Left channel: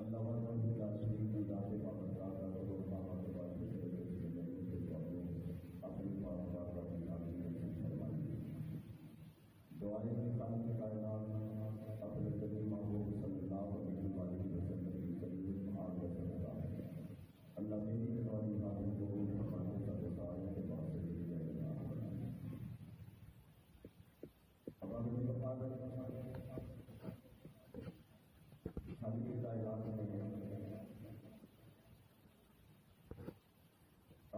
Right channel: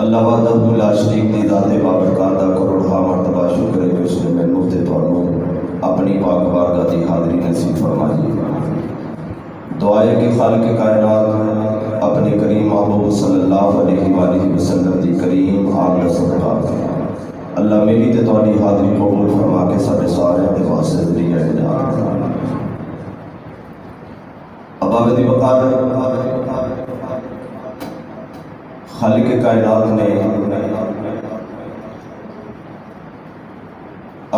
اللہ وحدہ لا شریک دی ذات بابرکات دا کروڑا مرتبہ شکر ہے کہ اس نے مینوں تے تانوں اپنی پاک بارگاہ دی حاضری نصیب فرمائی۔ دعا ہے کہ خالق کائنات اپنے کریم محبوب صلی اللہ علیہ وآلہ وسلم دی کریم آل صدقہ اللہ میری تے تہاڈی حاضری قبول فرما کے سارے سارے دے واسطے ذریعہ نجات۔ اباب دی وقار خالق کائنات نے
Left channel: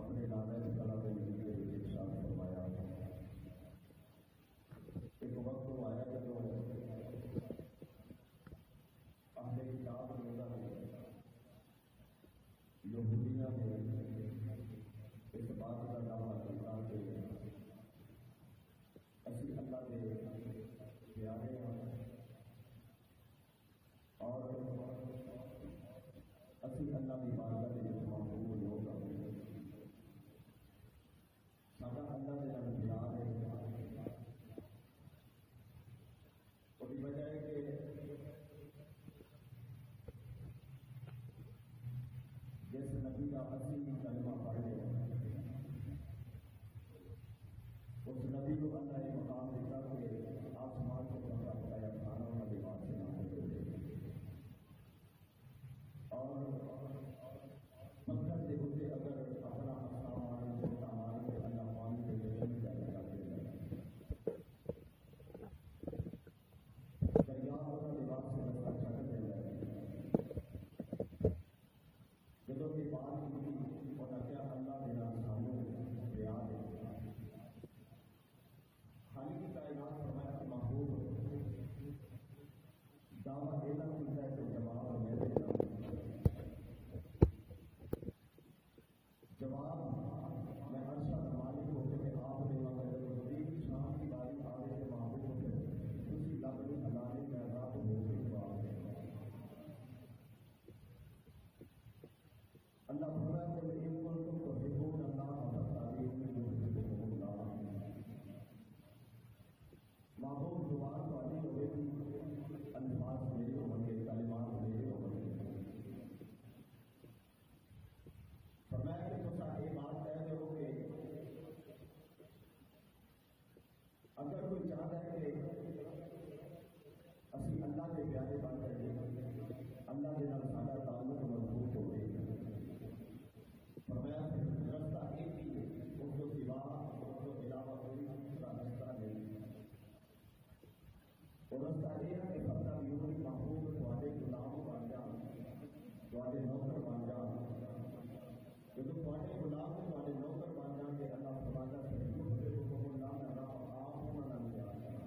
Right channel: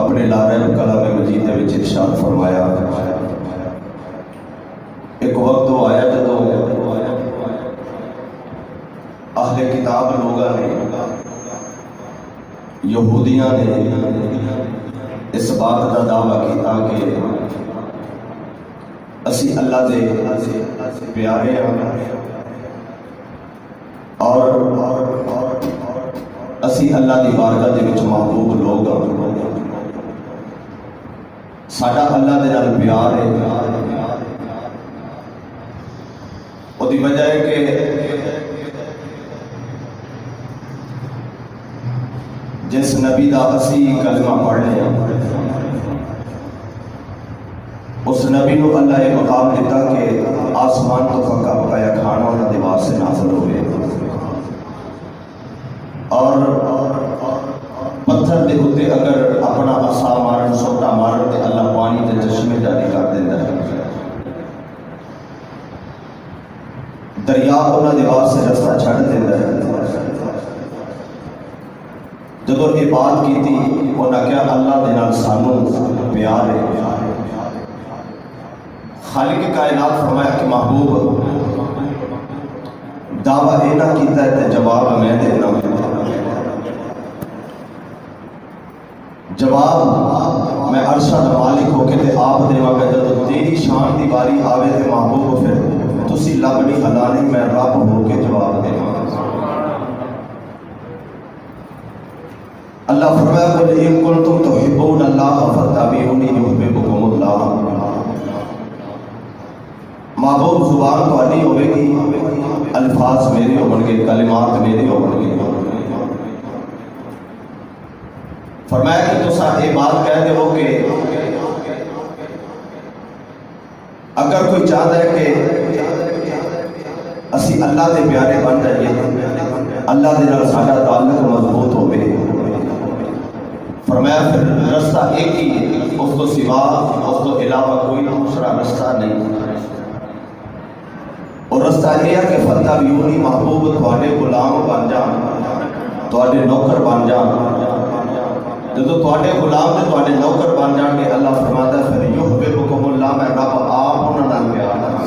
اپنے لارہ کلام مجید میں ارشاد فرمایا، ایک وقت وہ آیا جدو اہل کتاب لوگاں نے یہودیاں نے اس بات کا دعویٰ کیتا کہ اسی اللہ دے پیارے ہیں اور اسی اللہ دی بارگاہ دے وچ محبوب لوگ ہاں، ساڈا اللہ دے نال پیار ہے۔ وہ دی وجہ ہے کہ جس نبی دا اسی کلمہ پڑھنے ہیں اس نبی نو اللہ یہ مقام دیتا کہ آسمان تو پکا پکایا کھانا انہاں دے واسطے نازل ہوئے اور پتھر دے ہوتے اگر اپنا عصا مارن سوٹا مارن تے اللہ پانی تے چشمے جاری کر دیندا ہے، دریا انہاں دے واسطے رستہ چھڑ دیندا ہے۔ جدو یہ بات کی تھی انہاں کیا اللہ دے نال سانوں پیار ہے۔ خالق کائنات فرمایا کہ محبوب دعویٰ یہ نہ کیتا ہے تے جواب میں دینا، جواب میں عرشہ دا مالک ہو کے تے آپ دے وقت جدو تیری شان دی باری آوے تے محبوب پھر تسی لب نہیں ہلانی، میں رب ہو کے جواب دینا۔ اللہ فرمایا قل ان کنتم تحبون اللہ فاتبعونی یحببکم اللہ۔ محبوب زبان تو نہیں ہوئے گی، الفاظ میرے ہون گے، کلمات میرے ہون گے۔ فرمایا کہ تسا یہ بات کہہ دے ہو کہ اگر کوئی چاہتا ہے کہ اسی اللہ دے پیارے بن جائیے، اللہ دے نال ساڈا تعلق مضبوط ہوئے، فرمایا پھر رستہ ایک ہی ہے، اس تو سوا اس تو علاوہ کوئی دوسرا رستہ نہیں۔ اور رستہ یہ ہے کہ فاتبعونی محبوب تواڈے غلام بن جان، تواڈے نوکر بن جان۔ جدو تواڈے غلام تے تواڈے نوکر بن جان گے، اللہ فرماتا ہے پھر یحببکم اللہ، میں رب آپ انہاں نال پیار کراں،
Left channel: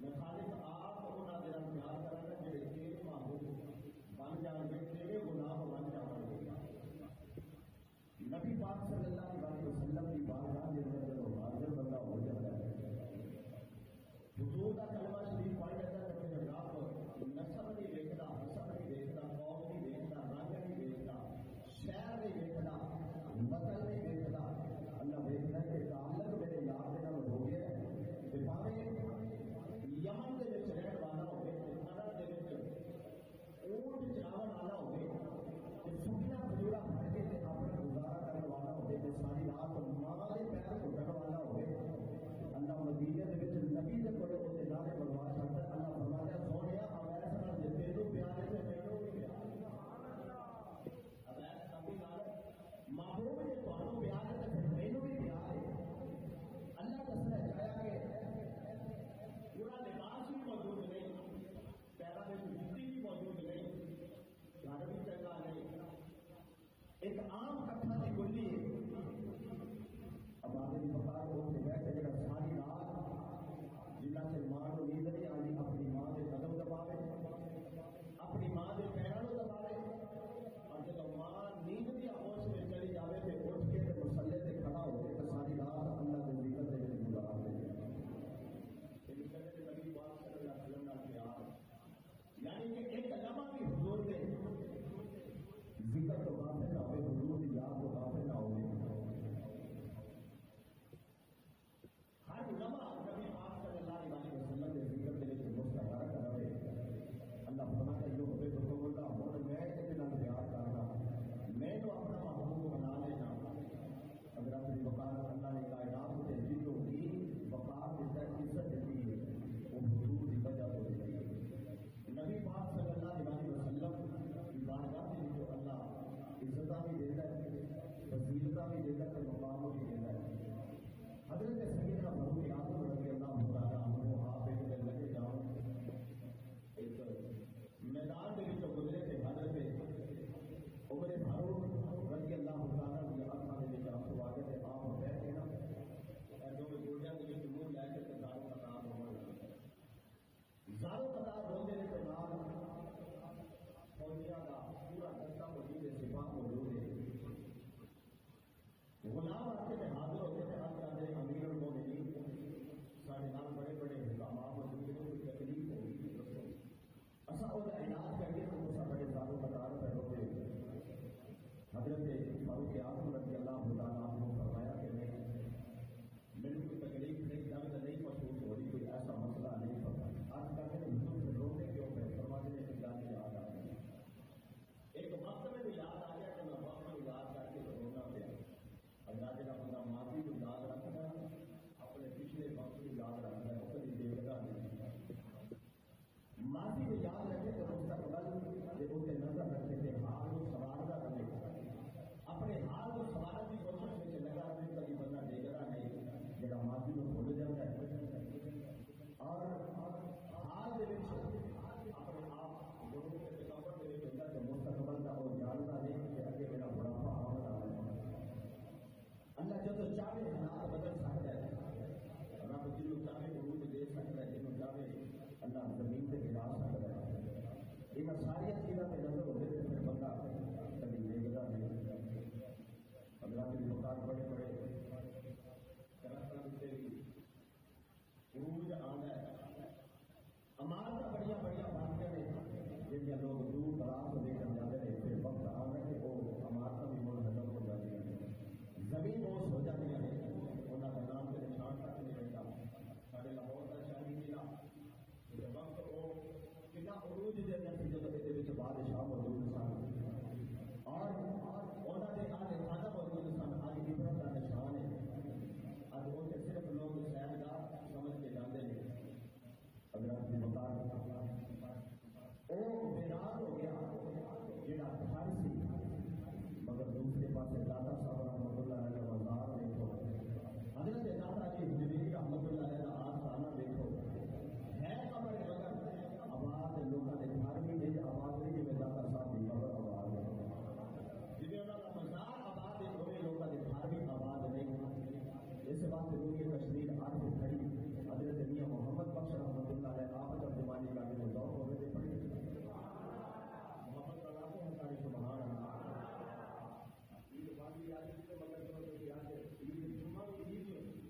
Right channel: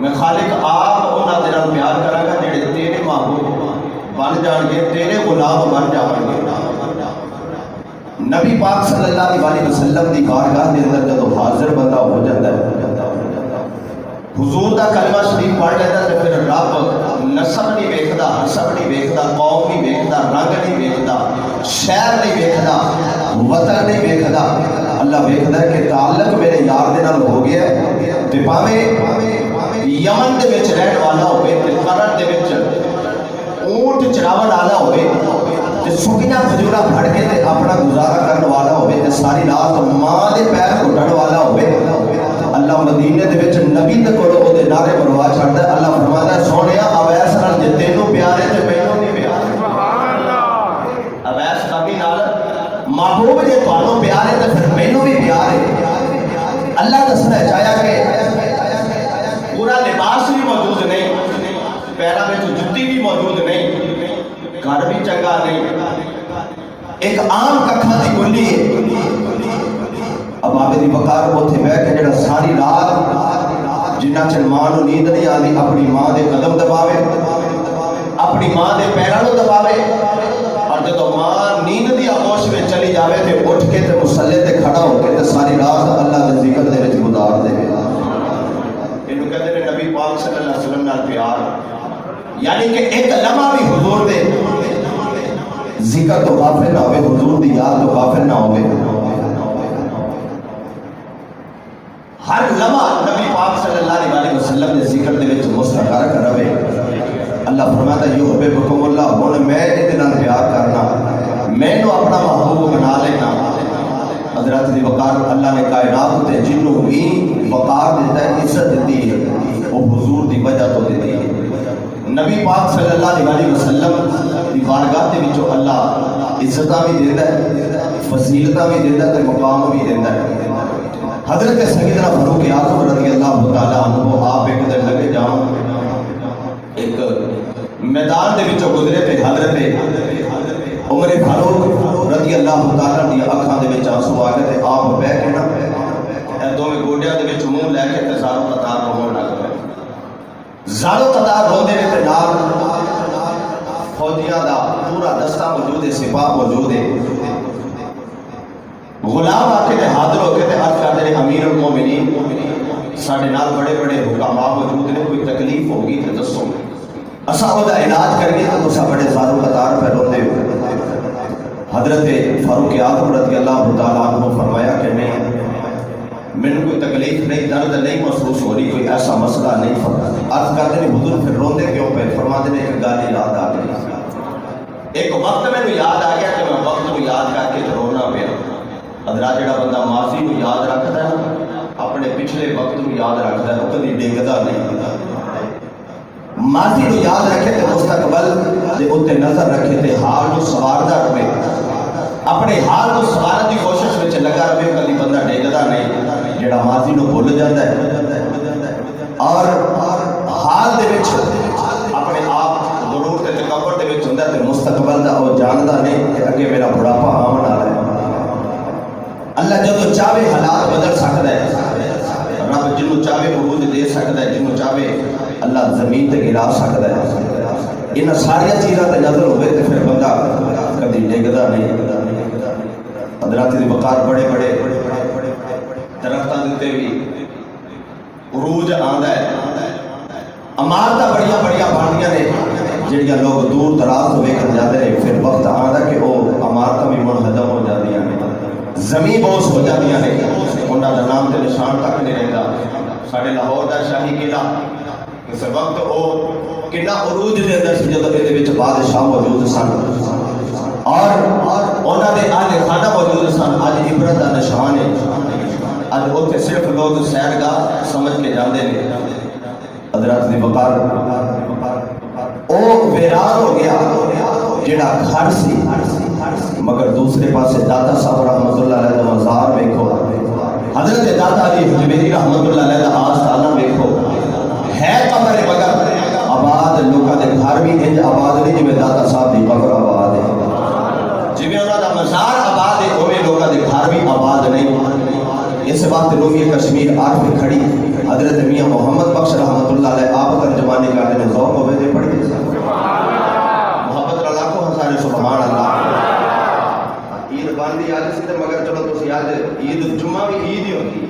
میں خالق آپ انہاں دے نال پیار کراں گا جڑے تیرے محبوب بن جان گے، تیرے غلام بن جان گے۔ نبی پاک صلی اللہ علیہ وسلم دی بارگاہ دے اندر جدو حاضر بندہ ہو جاتا ہے، حضور دا کلمہ شریف پڑھ لیتا ہے، پھر رب نسب نہیں ویکھدا، حسب نہیں ویکھدا، قوم نہیں ویکھدا، رنگ نہیں ویکھدا، شہر نہیں ویکھدا، وطن نہیں ویکھدا، اللہ ویکھدا ہے کہ تعلق میرے یار دے نال ہو گیا ہے، تے پاویں یمن دے وچ رہن والا ہوئے، تے قرن دے وچ اونٹ چراون والا ہوئے، تے سکیاں کھجوراں پھڑ کے تے اپنا گزارا کرن والا ہوئے، تے ساری رات ماں دے پیر گھٹن والا ہوئے، اللہ مدینے دے وچ نبی تے کولوں او دے نعرے مروا چھڑدا ہے۔ اللہ فرماتا ہے سونیا اویس نال جے تینوں پیار ہے تے مینوں نہیں پیار۔ سبحان اللہ۔ اویس نبی نال محبوب جے تانوں پیار ہے تے پھر مینوں بھی پیار ہے۔ اللہ دسنا چاہیا کہ پورا لباس بھی موجود نہیں، پیراں وچ جُتی بھی موجود نہیں، گھر بھی چنگا نہیں، ایک عام ککھاں دی گلی ہے۔ اب آپ دی وقار اوتھے بیٹھ کے جڑا ساری رات جنہ چر ماں نوں نیند نہیں آندی اپنی ماں دے قدم دباوے، اپنی ماں دے پیراں نوں دباوے، اور جدوں ماں نیند دی آغوش میں چلی جاوے تے اٹھ کے تے مصلی تے کھڑا ہو کے تے ساری رات اللہ دے ذکر دے وچ گزار دے۔ اینوں کہندے نے نبی پاک صلی اللہ علیہ وسلم نال پیار، یعنی کہ ایک لمحہ بھی حضور دے ذکر تو غافل نہ ہوئے، حضور دی یاد تو غافل نہ ہوئے۔ ہر لمحہ نبی پاک صلی اللہ علیہ وسلم نے ذکر دے وچ مستقر رہے۔ اللہ فرماتا ہے یحببکم حضرت دی وقار اللہ نے کائنات تے جنوں بھی وقار دیتا ہے، عزت دیتی ہے، وہ حضور دی وجہ تو دیتی ہے۔ نبی پاک صلی اللہ علیہ وسلم دی بارگاہ دے وچوں اللہ عزتاں بھی دیندا ہے، فضیلتاں بھی دیندا ہے تے مقام بھی دیندا ہے۔ حضرت سیدنا فاروق اعظم رضی اللہ تعالیٰ عنہ آپ ایک دن لگے جاؤں ایک میدان دے وچوں گزرے تے حضرت عمر فاروق رضی اللہ تعالیٰ دی اکھاں دے وچ آنسو آ گئے تے آپ بیٹھ کے نا اے دوویں گوڈیاں دے وچ منہ لے کے تے زارو قطار رون لگ پئے، زارو قطار روندے نے تے نال فوجیاں دا پورا دستہ موجود ہے، سپاہ موجود ہے۔ غلام آ کے حاضر ہو کے عرض کرتے ہیں امیر المومنین ساڈے نال بڑے بڑے حکام موجود نے، کوئی تکلیف ہوگی تو دسو، اساں او دا علاج کریے تو تساں بڑے زارو قطار پہ روندے ہو۔ حضرت فاروق اعظم رضی اللہ تعالیٰ عنہ فرمایا کہ نہیں، میں کوئی تکلیف نہیں، درد نہیں محسوس ہو رہی، کوئی ایسا مسئلہ نہیں۔ عرض کرتے ہیں حضور پھر روندے کیوں پہ؟ فرماتے ہیں ایک گل یاد آ گئی، ایک وقت میں یاد آ گیا کہ میں وقت کو یاد کر کے رونا پیا۔ حضرات جڑا بندہ ماضی کو یاد رکھتا ہے نا، اپنے پچھلے وقت کو یاد رکھتا ہے، وہ کبھی ڈگدا نہیں۔ ماضی کو یاد رکھے تے مستقبل دے اوتے نظر رکھے تے حال کو سواردا رہے، اپنے حال کو سوارن دی کوشش وچ لگا رہے، کبھی بندہ ڈگدا نہیں۔ جڑا ماضی نو بھول جاندا ہے اور حال دے وچ اپنے آپ غرور تے تکبر دے وچ ہوندا تے مستقبل دا او جاندا نہیں کہ اگے میرا بڑھاپا آون والا ہے۔ اللہ جدو چاہے حالات بدل سکتا ہے، رب جنوں چاہے عروج دے سکتا ہے، جنوں چاہے اللہ زمین تے گرا سکتا ہے۔ ان ساری چیزاں تے نظر ہوئے تے پھر بندہ کبھی ڈگدا نہیں۔ حضرات دی وقار بڑے بڑے درختاں دے بھی عروج آندا ہے، عمارتاں بڑیاں بڑیاں بنیاں نے جڑیاں لوگ دور دراز تو ویکھن جاندے نے، پھر وقت آندا کہ وہ عمارتاں بھی منہدم ہو جاندیاں نے، زمین بوس ہو جاندیاں نے، انہاں دا نام تے نشان تک نہیں رہندا۔ ساڈے لاہور دا شاہی قلعہ اس وقت وہ کنا عروج دے اندر سی جدوں دے وچ بادشاہ موجود سن اور انہاں دے اہل خانہ موجود سن۔ اج عبرت دا نشان ہے، اج اوتھے صرف لوگ سیرگاہ سمجھ کے جاندے نے۔ حضرات دی وقار او ویران ہو گیا جڑا گھر سی، مگر دوسرے پاسے داتا صاحب رحمت اللہ علیہ دا مزار ویکھو، حضرت داتا علی حجویری رحمت اللہ علیہ دا آستانہ ویکھو، ہے قبر مگر آباد لوکاں دے گھر بھی انج آباد نہیں جویں داتا صاحب دی قبر آباد ہے، جویں انہاں دا مزار آباد ہے اوویں لوکاں دے گھر بھی آباد نہیں۔ اس واسطے لوگی کشمیر عارف کھڑی حضرت میاں محمد بخش رحمت اللہ علیہ آپ ترجمانی کرتے ہیں، ذوق ہوئے دے پڑھی محبت اللہ کو ہزارے سبحان اللہ۔ عید باندھی آج سی مگر چلو تسی آج عید جمعہ بھی عید ہی ہوتی ہے۔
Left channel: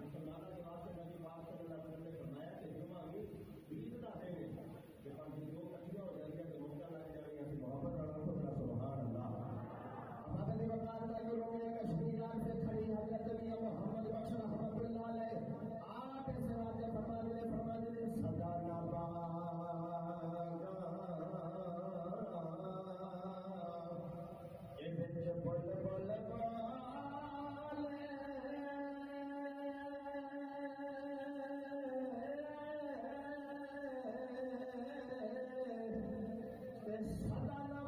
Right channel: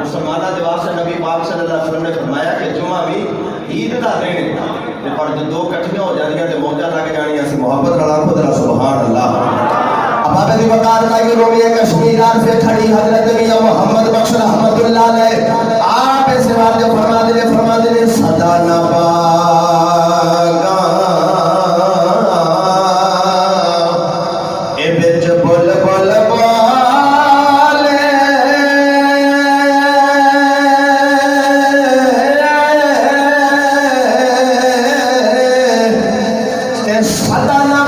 مسلمانہ دے واسطے نبی پاک صلی اللہ علیہ وسلم نے فرمایا کہ جمعہ بھی عید دا دن ہے، پر جو دو کٹھیاں ہو جاندیاں تے موجاں لگ جانیاں سی محبت اللہ کو ذرا سبحان اللہ۔ اب دی وقار کا یہ رویہ کشمیر سے کھڑی حضرت میاں محمد بخش رحمت اللہ علیہ آپ اس بات جو فرما دے صدا نہ پاگا اے بچ بول بول بولے اے صدا نہ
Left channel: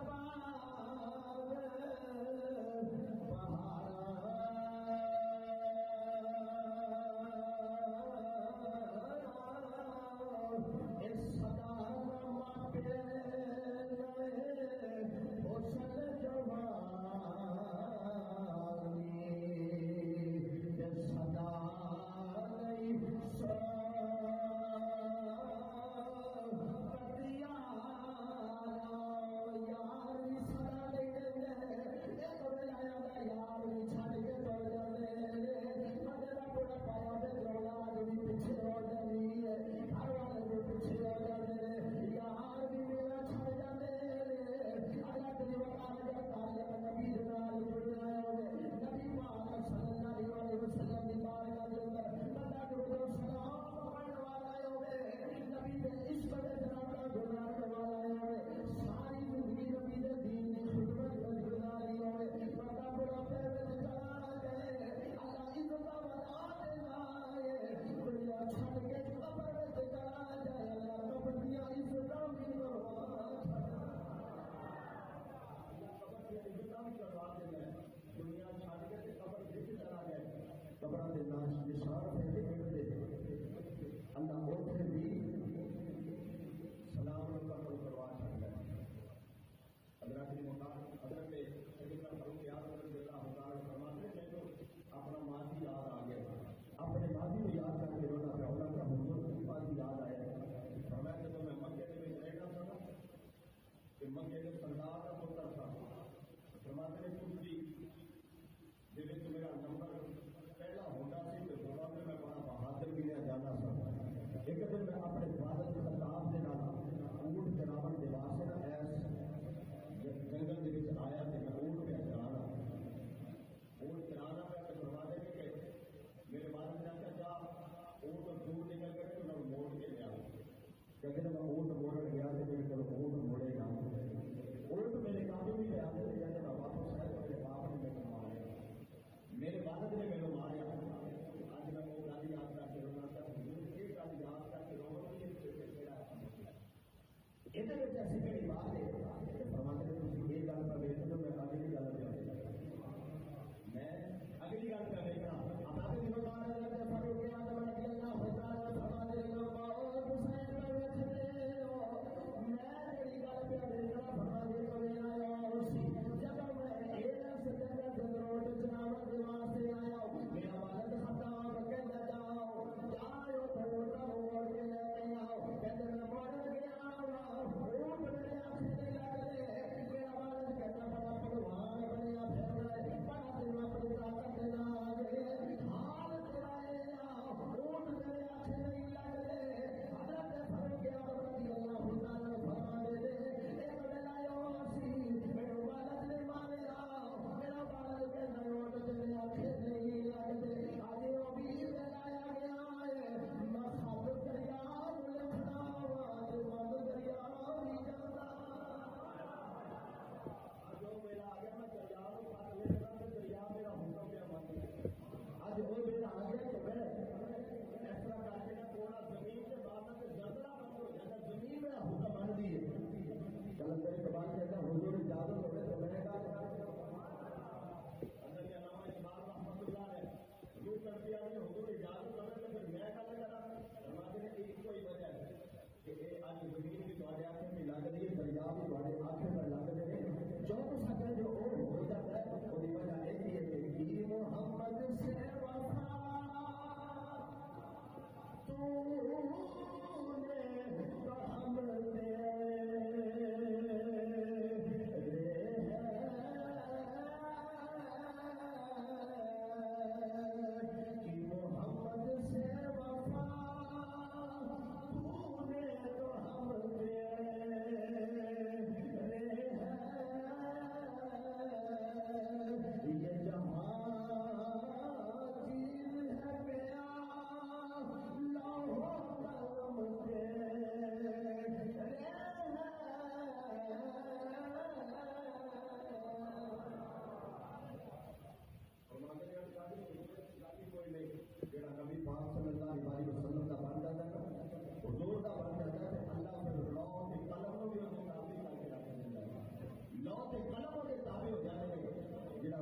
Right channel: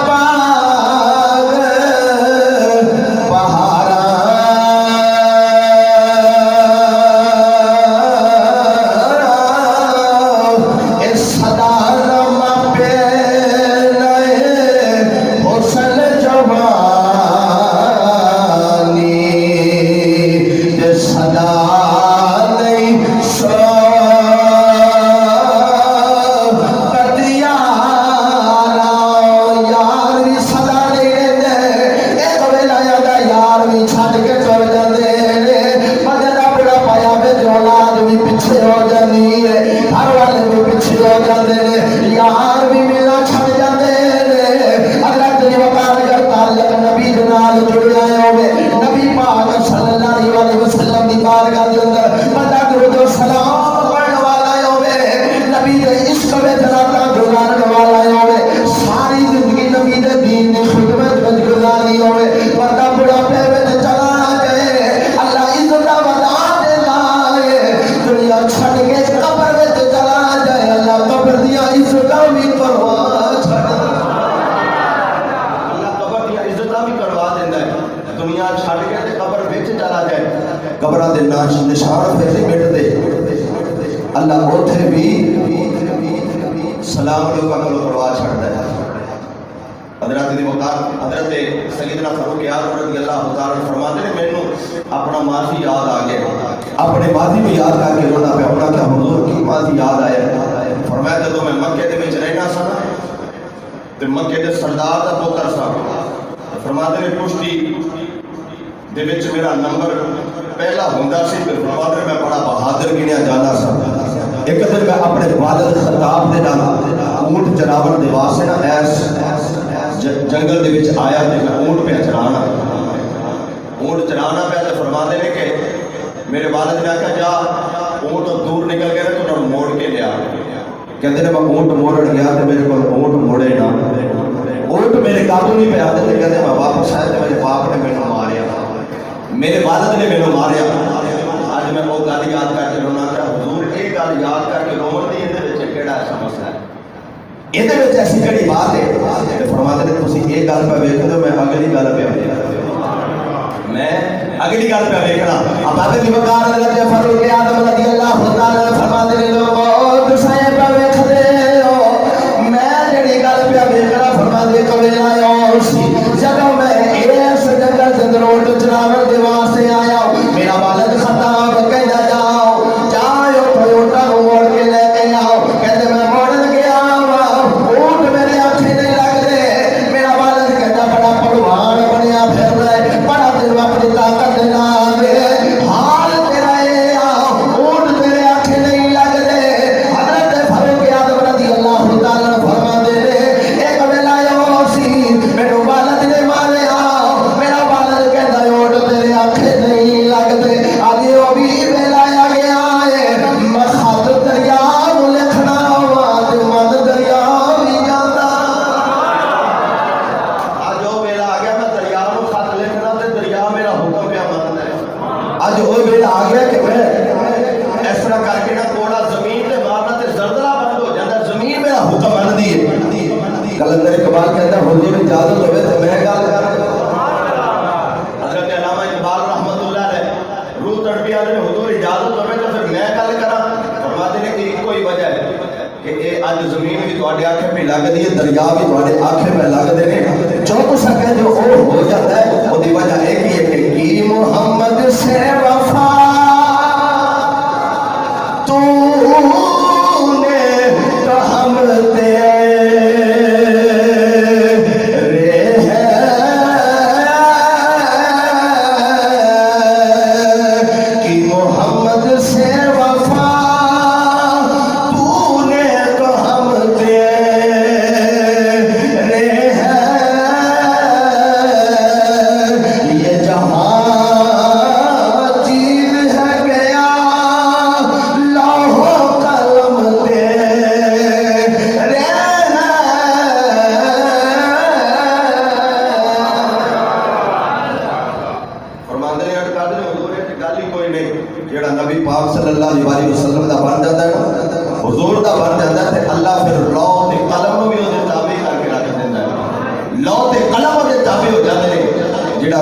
سلام لوگوں کو پرواہ چھڑتا ہے. حضرت دی وقار حضرت سیدنا فاروق اعظم رضی اللہ تعالیٰ عنہ فرماتے ہیں مینوں اپنا ماضی یاد آ گیا. اپنے ماضی کو یاد کر کے رونا پیا. ہونا کیا حضور کی ماضی یاد آیا. فرمایا جدوں میں مکے دے وچ رہنا سا تے مکے دے سردار دا پتر سا. فرماتے ہیں پشتی دے وچ میرا نمبر پہلا ہوندا سی تے فرماتے میں بڑا بہادر گنیا جانا سا. ایک دن میں اپنے والد خطاب دے نال اونٹ چراون دے واسطے نا ایس جنگل دے وچ آیا تے میں اونٹ پہ چرانا پیا. تے فرماتے ہیں کہ میرے والد نے کہا جا اونٹ دور نکل گئے تو انہوں موڑ کے لیا. کہتے ہیں میں اونٹ موڑن گیا تے میرے کو اونٹ موڑے نا. اونٹ میرے قابو نہیں پہ آتے. کہتے میں واپس آیا تے میرے باپ نے مینوں ماریا, میرے والد نے مینوں ماریا. اج میں وہ گل یاد کر کے رونا کہ حضور یہ گل یاد کر کے رون دی یہ کہڑا ایسا مسئلہ ہے, یہ ایسی کہڑی بات ہے. فرماتے ہیں تسی یہ گل پہ ویکھ لو, میں اگلی گل پہ ویکھنا. اب آگے دی وقار حضرت فاروق اعظم رضی اللہ تعالیٰ عنہ فرماتے ہیں لوگوں تساں پہ ویکھدے ہو میں جڑی گل پہ ویکھنا. فرماتے کبھی آیا سی جدوں میں اس جنگل دے اندر اونٹ چراون دے واسطے آیا, میرا والد خطاب کہندا جاؤ جاؤ اونٹاں نوں موڑ کے لے کے آؤ. کہتے میں موڑن گیا اونٹ میرے آنکھیں نہیں لگدے. میرا والد کہندا بڑا پہلوان بنیا پھر رہا ہے, بڑا دل اپنی طاقت دے نال حال تیرا اے اونٹ تیرے آنکھیں نہیں لگدے. حضرت فاروق اعظم رضی اللہ تعالیٰ عنہ فرماتے ہیں ایک ویلا آیا سی میرے والد نے ماریا. میرا والد کہندا اونٹ تیرے آنکھیں نہیں لگدے. اج وہ بھی ویلا آ گیا ہے میں خط دریا نوں لکھنا وا تے من دریا بھی جاندا. اج وہ ویلا آ گیا میں دریا نوں خط لکھنا تے دریا میرا حکم پیا مندا ہے. اج وہ ویلا آ گیا کہ میں اس طرح کر کے نا کوڑا زمین تے مارنا تے زلزلہ بند ہو جاندا. زمین میرا حکم مندی ہے. کلندر اقبال کہتا ہے حضور اجازت ہوے تے میں گل کراں. حضرت علامہ اقبال رحمۃ اللہ علیہ روح تڑپی آدھے حضور اجازت ہوے تو پھر میں گل کراں. فرماتے ہیں کہ ایک کوئی وجہ ہے کہ اے اج زمین بھی تواڈے آنکھیں پہ لگدی ہے, دریا بھی تواڈے آنکھیں پہ لگدے نے. جو کچھ سکے جو ہو جاتا ہے وہ دی وجہ ایک ہی ہے کہ کی محمد سے وفا تو نے تو ہم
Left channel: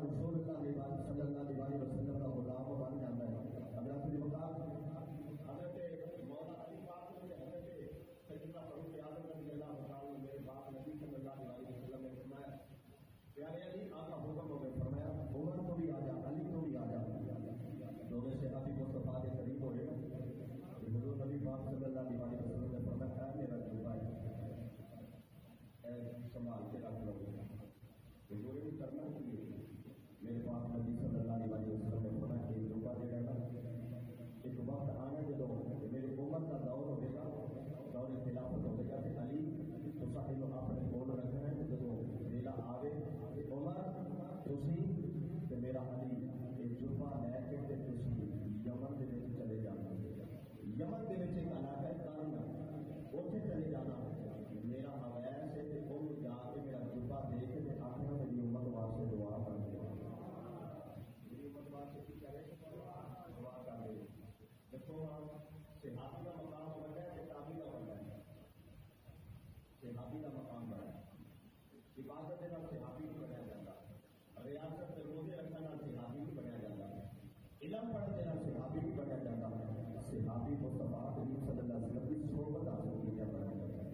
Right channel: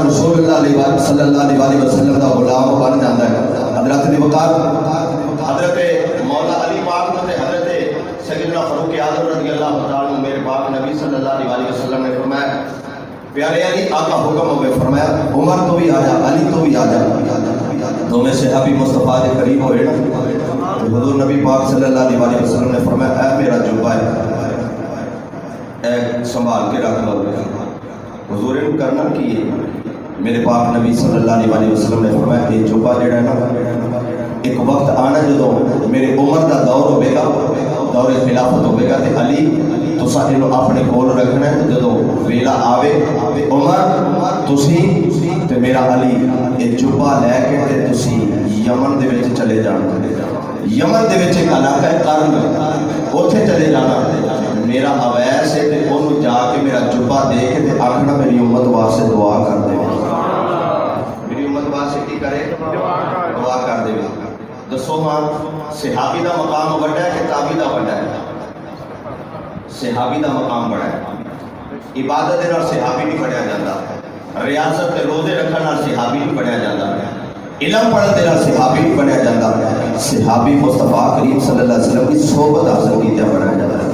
رسول اللہ صلی اللہ علیہ وسلم کا غلام بن جاتا ہے. حضرت دی وقار حضرت مولا علی پاک نے حضرت سیدنا فاروق اعظم رضی اللہ تعالیٰ عنہ میرے پاک نبی صلی اللہ علیہ وسلم نے فرمایا پیارے علی آقا حکم ہوئے. فرمایا عمر تو بھی آ جا, علی تو بھی آ جا. دونوں صحابی مصطفیٰ کے قریب ہوئے نا. حضور نبی پاک صلی اللہ علیہ وسلم نے فرمایا اے میرا جبہ ہے اے سنبھال کے رکھ لو. حضور نے کرنا کی ہے. میرے پاک نبی صلی اللہ علیہ وسلم نے فرمایا یہ جبہ جڑا ہے نا ایک وقت آنا جدو میرے عمر دا دور ہوئے گا, دور خلافت ہوئے گا تے علی تساں انہوں اپنے کول رکھنا ہے. جدو ویلا آوے عمر تسی تے میرا علی یہ جبہ لے کے تے تسی یمن دے وچ چلے جانا. یمن دے وچ ایک علاقہ ہے قرن, اوتھے چلے جانا. میرا اویس ہے تے انہوں جا کے میرا جبہ دے کے تے آکھنا میری امت واسطے دعا کر دے. کرے دعا کر دے. دسو ہاں صحابی دا مقام بڑا ہے کہ تابعی دا بڑا ہے؟ صحابی دا مقام بڑا ہے. عبادت دے نال صحابی نہیں پڑھیا جاتا, ریاضت تے روزے رکھن نال صحابی نہیں پڑھیا جاتا, علم پڑھن دے نال صحابی نہیں بنیا جاتا. صحابی مصطفیٰ کریم صلی اللہ علیہ وسلم کی صحبت حاصل کیتے بنایا جاتا ہے.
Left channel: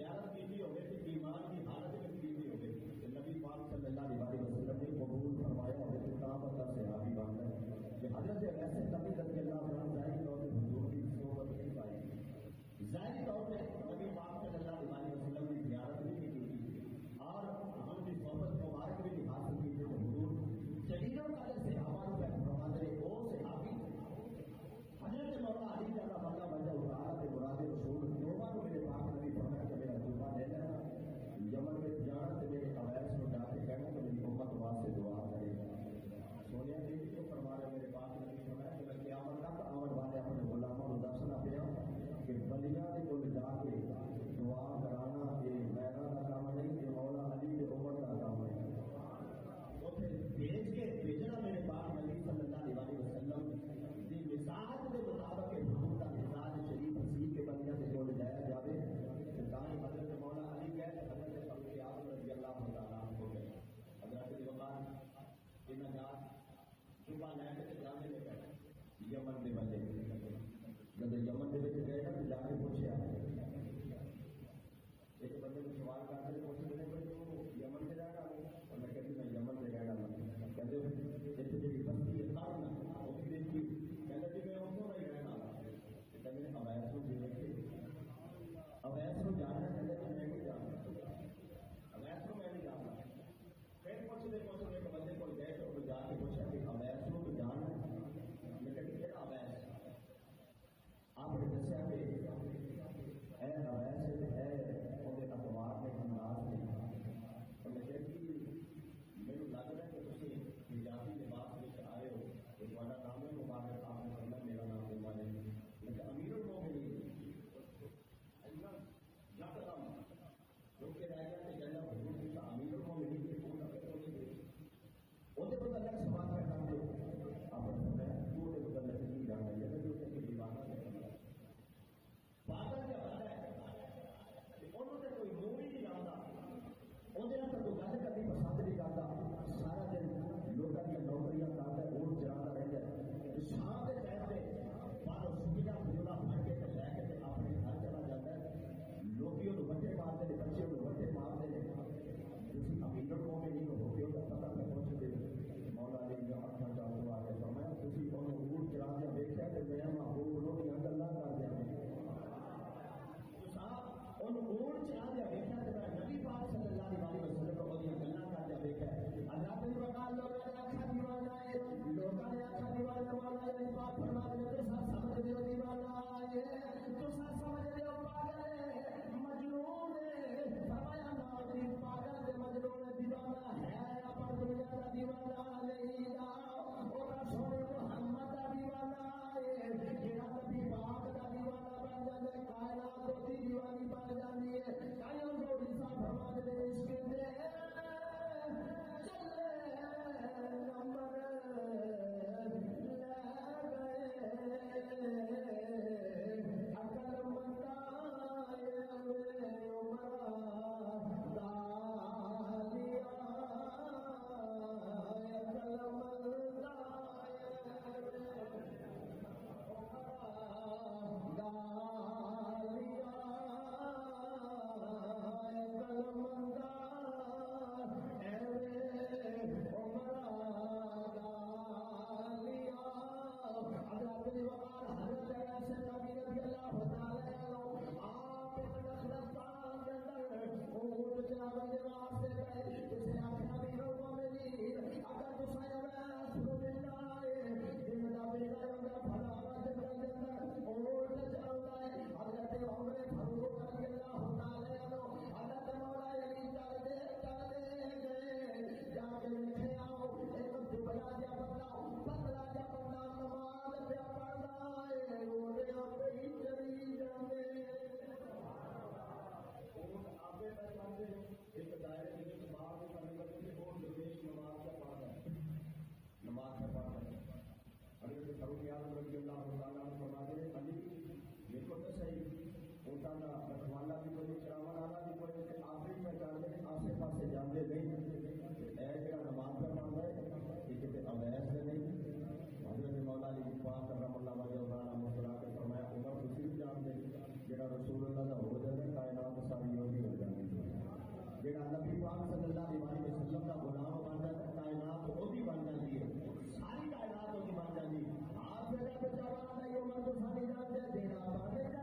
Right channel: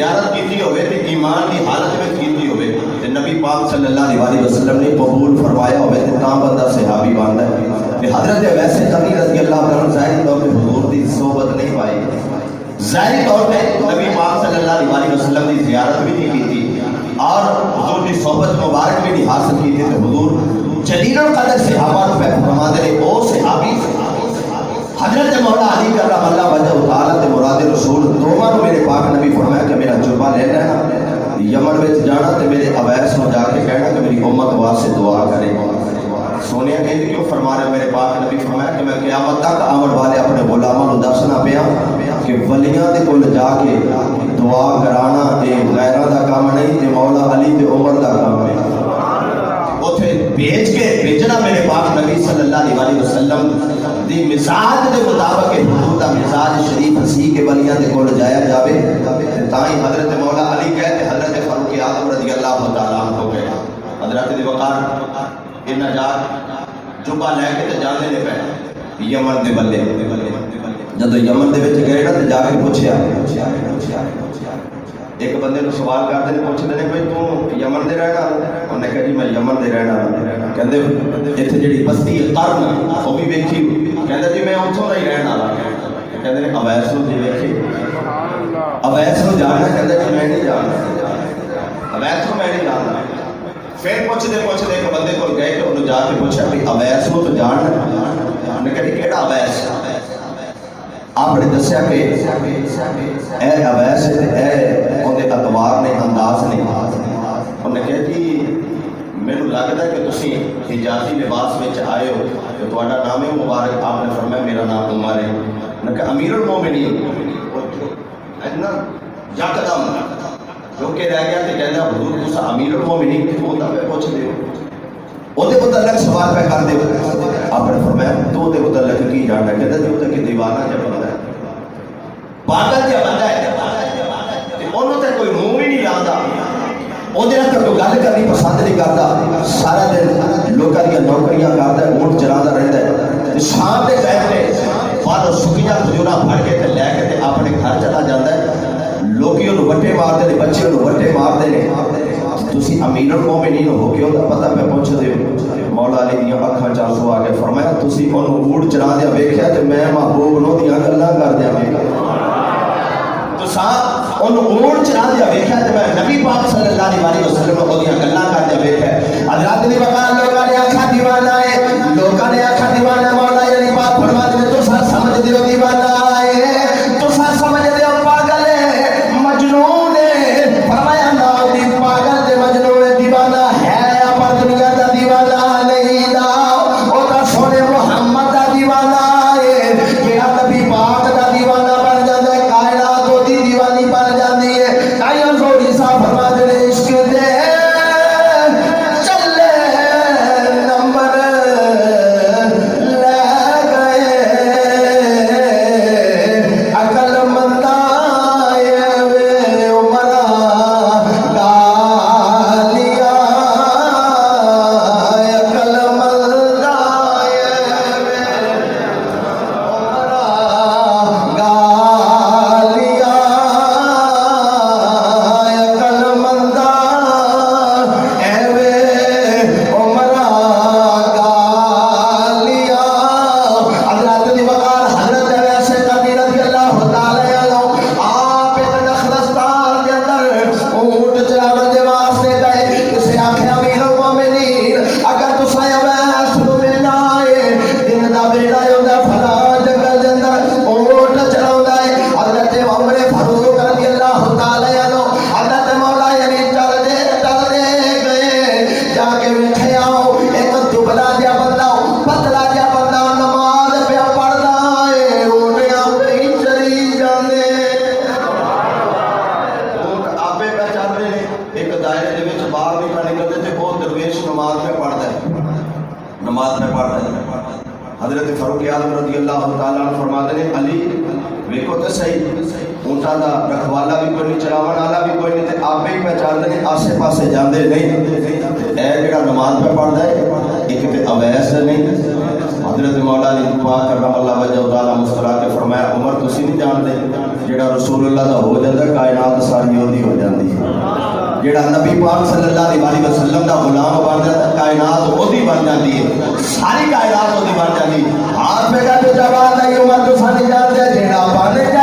زیارت کیتی ہوئے تے ایمان کی حالت میں کیتی ہوئے تے نبی پاک صلی اللہ علیہ وسلم نے قبول فرمایا ہوئے تے تاں بندہ صحابی بنتا ہے کہ حضرت ویسے قرنی رضی اللہ عنہ ظاہری طور پہ حضور کی صحبت نہیں پائی، ظاہری طور پہ نبی پاک صلی اللہ علیہ وسلم کی زیارت بھی نہیں کی اور حضور کی صحبت مبارک بھی نہیں حاصل کی تھی، تو حضور جلیل القدر صحابہ کو فرما دے او صحابی حضرت مولا علی کرم اللہ وجہ تعالی تے مراد رسول دوواں میرے پاک نبی فرمایا کہ میرا جربہ لے لینا، یمن وچ جانا تے میرے اویس نو جا کے کہنا کہ میری امت واسطے دعا کرے۔ سونیا کہندی کیوں فرما رہے میرے پاک نبی فرمایا کہ میں قیامت تک آمن والے اپنے غلاماں نو دسنا پیا کہ ولیاں دے کول جا کے دعا کرانا اے غیراں دا کام نہیں، تے مولا علی تے عمر دا کام ہے۔ اوتھے بھیجنا میرے پاک نبی صلی اللہ علیہ وسلم دی مزاج دے مطابق حضور دا مزاج شریف ہسی کے ولیاں دے کول جایا جاوے تے تاں ہی حضرت مولا علی کہتے حضرت فاروق اعظم رضی اللہ تعالی عنہ کو گئے حضرت دی وقار انہاں جا جبا لے کے تے جاندے نے پے یمن دے بلے جدو یمن دے وچ گئے نا تے جا کے پوچھیا ایک بندے نو سوال کرتے ہیں پوچھتے ہیں بھائی تو یمن دے رہنا؟ انہوں نے کہا جی میں یمن دے رہنا۔ کہندے ایتھے جڑی بستی قرن وہ بھی ویکھی، کہندا جی میں اتھوں دا ہی رہن والا۔ کہندے نے اویس نو جی ویکھی، اویس نو جاننا؟ کہندا جی میں نہیں جاندا، اویس نو میں نہیں جاندا۔ پھر پوچھتے ایک بندے کول گئے کہ انہوں جا کے پوچھا بھائی اویس نو تو جاننا؟ انہوں نے کہا جی کیڑا اویس؟ آپ نے دسیا کہ اے اویس اے اندے اتوار نے انداز نے۔ انہوں نے کہا جی مینوں لگدا ہے کہ تسی حجازی لباس وچ آئے ہو تے تہاڈا نام ہے مبارک۔ آپ نے فرمایا میرا نام عمر ہے۔ انہوں نے کہا امیر المومنین اتنا یکدم جو کہ رہ گیا تے کہندا حضور تساں امیر المومنین تے وہ تے پوچھ دیو اودے متعلق سوال پہ کر دیو۔ آپ نے فرمایا تو دے متعلق کی جاننا؟ کہندا جی او تے کہ دیوانہ جا بندہ ہے، پاگل جا بندہ ہے تے اونوں تے کوئی منہ ہی نہیں لاوندا، اودے نال کوئی گل کرنی پسند نہیں کردا، سارا دن لوکاں دی نوکریاں کردا ہے، اونٹ چراندا رہندا ہے تے شام دے ٹائم تے باہر سکیاں کھجوراں پھڑ کے تے لے کے تے اپنے گھر چلا جاندا ہے۔ لوکی انہوں وٹے مار دے، بچے انہوں وٹے مار دے۔ تسی امیر المومنین ہو کے انہوں پتہ پہ پوچھ دے۔ مولا علی دیاں اکھاں چانسو آ کے فرمایا تسی انہوں اونٹ چرا دیا ویکھیا تے میں محبوب نو دیاں گلاں کر دیا ویکھیا، تساں انہوں اونٹ چرا دیا ویکھیا تے میں نبی پاک صلی اللہ علیہ وسلم نو دیاں گلاں کر دیا ویکھیا۔ حضرات دی وقار لوکاں نے آکھا دیوانہ ہے، لوکاں نے آکھا دیوانہ ہے، مولا علی پاک فرما دے تساں سمجھ دیو دیوانہ ہے، تساں سمجھ دیو پاگل ہے، مجنون ہے۔ فرمایا نا دی پاگل تے مجنون دیوانہ ہے پر دنیا دا دیوانہ نہیں دا، او تا سونے محمد دا دیوانہ ہے۔ کیڑا نبی پاک دا دیوانہ بن جاندا ہے کائنات دی دیوانی بن جاندی ہے۔ تائیں زوری صاحب فرما دے عشق دے چلے نمبر لے گئے، عقل مندہ وے عمرہ گالیا، عقل مندہ وے عمرہ گالیا، عقل مندہ وے عمرہ گالیا۔ حضرت دی وقار حضرت ویسے قرنی رضی اللہ تعالی عنہ آپ نخلستان دے اندر اونٹ چراون دے واسطے گئے۔ کسے آکھیا امیر المومنین اگر تساں اویس نو ملنا ہے، دن دا بیڑا ہوندا فلاں جنگل دے اندر اونٹ چراوندا ہے۔ حضرت عمر فاروق رضی اللہ تعالی عنہ حضرت مولا علی چل دے گئے، جا کے ویکھیا ایک دبلا جا بندہ پتلا جا بندہ نماز پہ پڑھدا ہے، اونٹیاں پہ ہی چری جاندے، اونٹ آپے پہ چل رہے ایک دائرے دے وچ باہر نہیں پہ نکلتے تے وہ درویش نماز پہ پڑھدا ہے، نماز پہ پڑھدا ہے۔ حضرت فاروق اعظم رضی اللہ تعالیٰ عنہ فرماتے ہیں علی ویکھو تے صحیح اونٹاں دا رکھوالا بھی کوئی نہیں، چلاون والا بھی کوئی نہیں تے آپے ہی پہ چل رہے آسے پاسے جاندے نہیں، اے جڑا نماز پہ پڑھدا ہے ایک تے اویس نہیں۔ حضرت مولا علی پاک کرم اللہ وجہ تعالی مسکرا کے فرمایا عمر تسی نہیں جانتے جڑا رسول اللہ دا ہو جاتا ہے کائنات ساری وہی ہو جاتی ہے جڑا نبی پاک صلی اللہ علیہ وسلم دا غلام بن جاتا ہے کائنات وہی بن جاتی ہے ساری کائنات وہی بن جاتی ہے ہاتھ پہ کا تو جواب نہیں عمر تو ساری جانتے ہیں جڑا بن جائے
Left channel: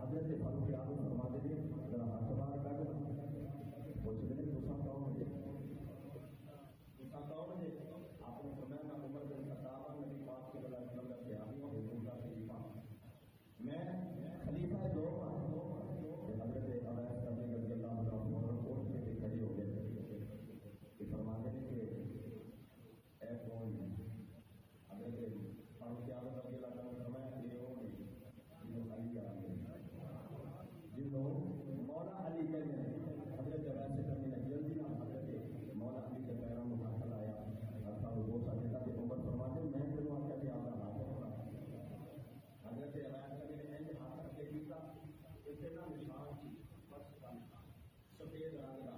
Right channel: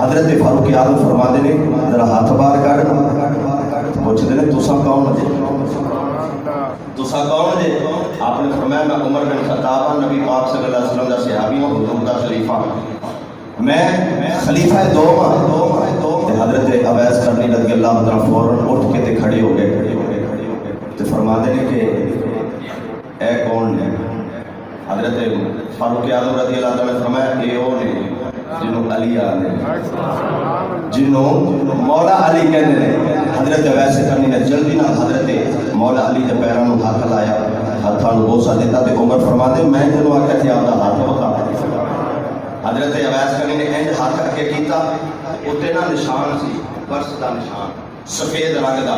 حضرت فاروق اعظم فرماتے ہیں ذرا ہاتھ باہر کر پوچھتے ہیں تساں کون جے تساں کون جے آپ نے فرمایا میں عمر بن خطاب نبی پاک صلی اللہ علیہ وسلم دا صحابی ہوں حضور دا خلیفہ میں خلیفہ دوم ہوں حضرت اویس کرنی رضی اللہ عنہ فوراً اٹھ کے تے کھڑے ہو گئے تے فرماتے ہیں کہ اے کون ہے حضرت فاروق اعظم رضی اللہ عنہ نے فرمایا اے وہ نے جنہوں علی آنے جنہوں مولا علی کہنے نے حضرت ویسے کرنی نے جلدی نہ حضرت مولا علی جب پیرانوں ہاتھ لایا ہاتھانوں بوسا دیتا تے عمر فرماتے میں جنہوں آکے تھے آپ دا ہاتھ بتا حضرت ویسے کرنی نے انج ہاتھ کر کے کیتا اتنے نہ نشان سی برس دا نشان سفید رنگ دا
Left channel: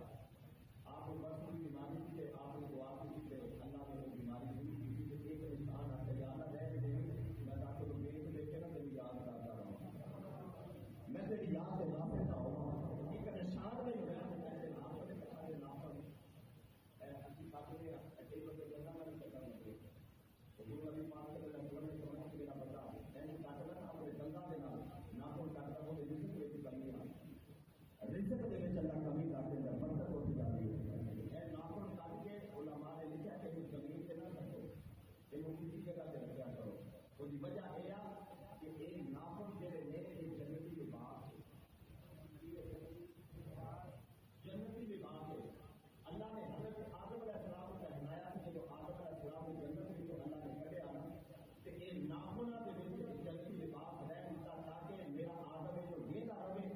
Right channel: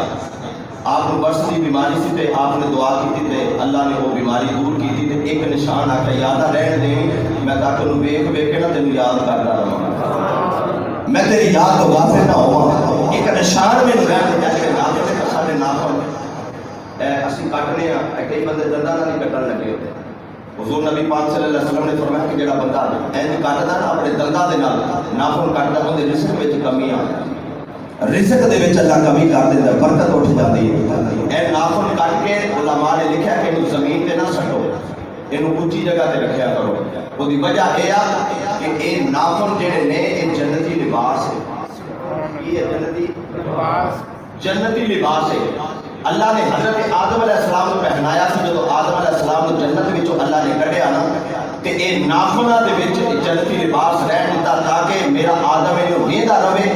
آپ نے برس دی بیماری سی تے آپ نے دعا کی تے اللہ نے وہ بیماری دور کی تے ایک نشان آکے یادہ رہن دیں میں تاکہ انہوں بیک کے نہ تینوں یاد کرتا رہا میں تیری یاد تو غافل نہ ہوا ایک نشان میں رہن جیسے ناخن تے ساڈے ناخن اسی کٹنے ہیں کئی بندے دنداں نال نہیں کٹن لگے ہوتے حضور نبی پاک صلی اللہ علیہ وسلم نے فرمایا کہ جڑا بندہ انج کٹدا نا اپنے دنداں دے نال ناخن کٹدا اون دے رزق وچ کمی آ رزق دے وچ اللہ کمی کر دیندا برکت اٹھ جاتی ہے اے ناخن کٹ کے علماء نے لکھیا کہ انہوں زمین تے نہ سٹو انہوں اونچی جگہ تے رکھیا کرو وہ دی وجہ یہ ہے کہ اے ناخن جڑے نے اے جنتی لباس ہے یہ جنتی لباس جنتی لباس ہے اللہ نے حضرت آدم علیہ السلام کو پہنایا سی جو آدم علیہ السلام کو جنت وچوں اللہ نے کڈیا نا تے اے ناخناں دے وچ جنتی لباس رہن دتا تاکہ میرا آدم اینو ویندا رہے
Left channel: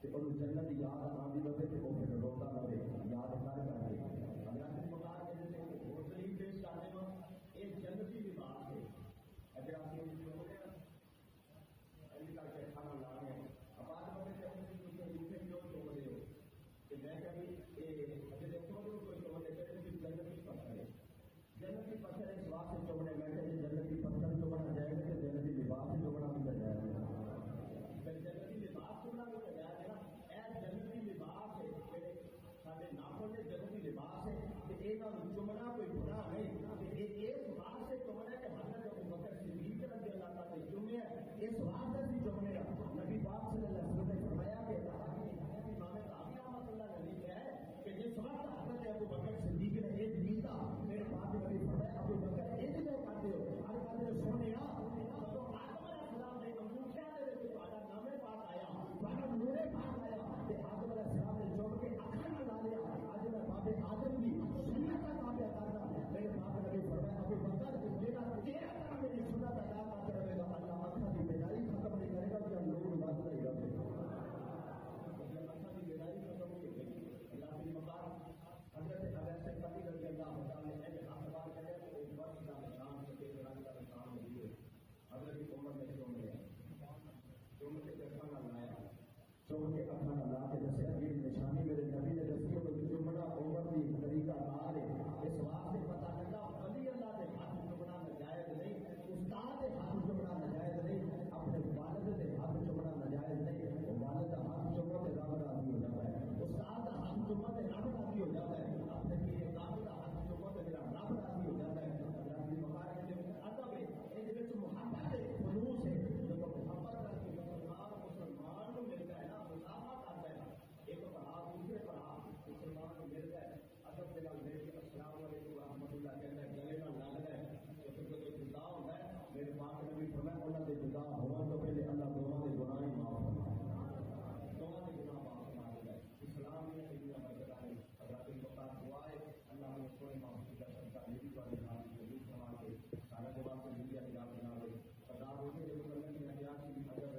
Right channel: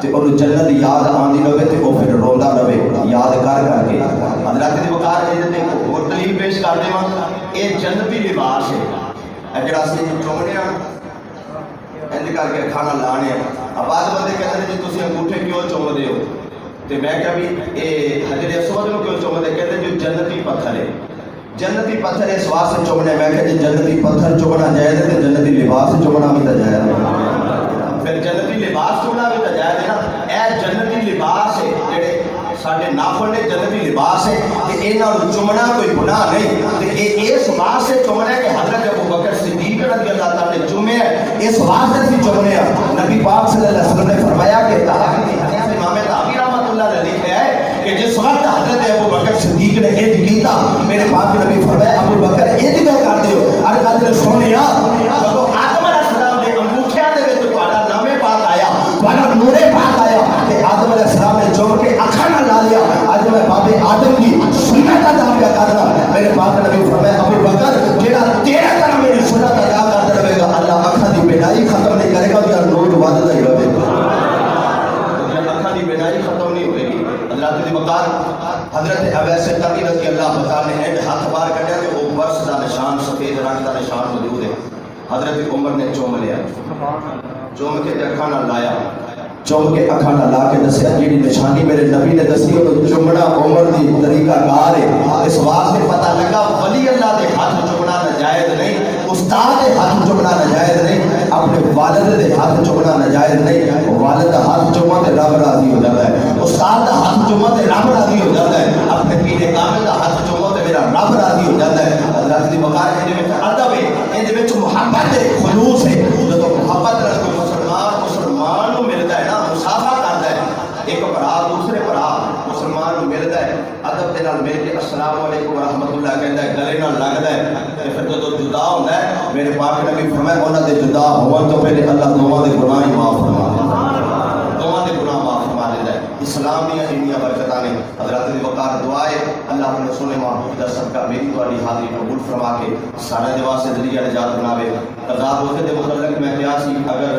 تے اور جنت یاد آندی رہے تے او پھر روندا رہے یاد کر کر کے حضرت دی وقار اے تے اور دلیل پیش کر دیواں اے جنتی لباس ہے جڑا سی چومنے آ انج کر کے کھانا لانے اب بعد بندے کہتے ہیں جی تسی انگوٹھے کیوں چومدے ہو تے میں کہا بھی اے حجر اسود نو کیوں چومدے کہتے ہیں جو جنتی پتھر ہے جنتی پتھر اس واسطے چومنے میں کہا جی جنتی پتھر چومنا جائز ہے تے جنتی لباس چومنا بھی جائز ہے پھر جنتی لباس چومنا بھی جائز ہے نا اے جنتی لباس ہے جڑے ساڈے ناخن نے جنتی لباس ہے تے انہاں نوں چومنا کوئی گناہ نہیں تے اے اس واسطے چومنا کہ حضرت ابو بکر صدیق رضی اللہ تعالی نے چومے اس واسطے بھی چومنے نبی پاک صلی اللہ علیہ وسلم نے فرمایا کہ تحقیق امام طحاوی رحمۃ اللہ علیہ لکھا ہے کہ جس وقت حضرت ابو بکر صدیق نے انج کیتا میرے پاک نبی فرمایا ابو بکر انج کیوں کر دیو ارے حضرت سونیا جدوں آدم علیہ السلام دے انگوٹھیاں دے وچ تہاڈا نام پاک آیا تہاڈا نور پاک آیا تے آدم علیہ السلام نے چوم کے اکھاں نال لا لیا اج میں بابے آدم کی سنت ادا کرنا میرے حضرت عمر نے چوم لیا، چوم کے اکھاں نال لایا، چوم کے اکھاں نال لا کے دسیا جیڑی نشانی میرے نبی نے دسی وہ چومنا عمر دی طریقہ کار ہے۔ اس واسطے پتہ لگا ولی اللہ دے ہاتھ چومنا ناجائز نہیں، استاد دے ہاتھ چومنا ناجائز نہیں، اپنے والد دے ہاتھ چومنا ناجائز نہیں۔ والد دا ہاتھ چوما تے رب راضی ہو جاتا ہے، استاد دا ہاتھ چوما تے رب راضی ہو جاتا ہے، اپنے پیر کامل دا ہاتھ چوما تے میرا رب راضی ہو جاتا ہے۔ حضرت دی وقار دے وچ ادب ہے، ان دے وچ محبت ہے، خلوص ہے۔ جدوں محبت نال کوئی مسلمان نو ملدا ہے نا، مصافحہ کردا ہے، ایک بھرا دوسرے بھرا مسلمان نو ملدا ہے، ادب دے نال مل کے السلام علیکم ورحمۃ اللہ کہندا ہے، گلے نال لگدا ہے، تے پھر جدوں جدا ہوندا ہے میرے پاک نبی فرمایا انہاں دے جدا ہون تو پہلے اللہ دوواں دے گناہ ہی معاف فرما دیندا ہے، دوواں دے گناہ معاف فرما دیندا ہے۔ اسلام دیاں انیاں برکتاں نے۔ حضرت دی وقار دعا ہے اللہ اپنے رسول محمود دا صدقہ میری تہاڈی حاضری قبول فرما کے سارے دے واسطے ذریعہ نجات بناوے۔ قضا روزے دے متعلق میں کیا سی اگر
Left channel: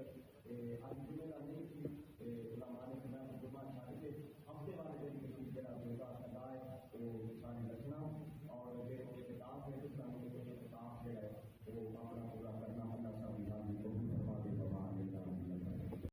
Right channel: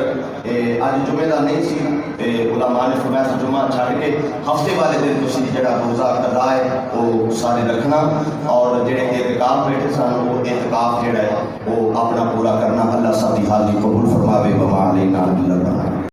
اج جمعے دا نہیں سی علماء نے فرمایا سی جمعہ چھڈ کے ہفتے والے دن تسی جڑا روزہ قضا ہے وہ سارے رکھنا، اور جڑے اعتکاف بیٹھے سن وہ اعتکاف جڑا ہے وہ اپنا پورا کرنا۔ اللہ سب دی حاضری قبول فرماوے۔ وما علینا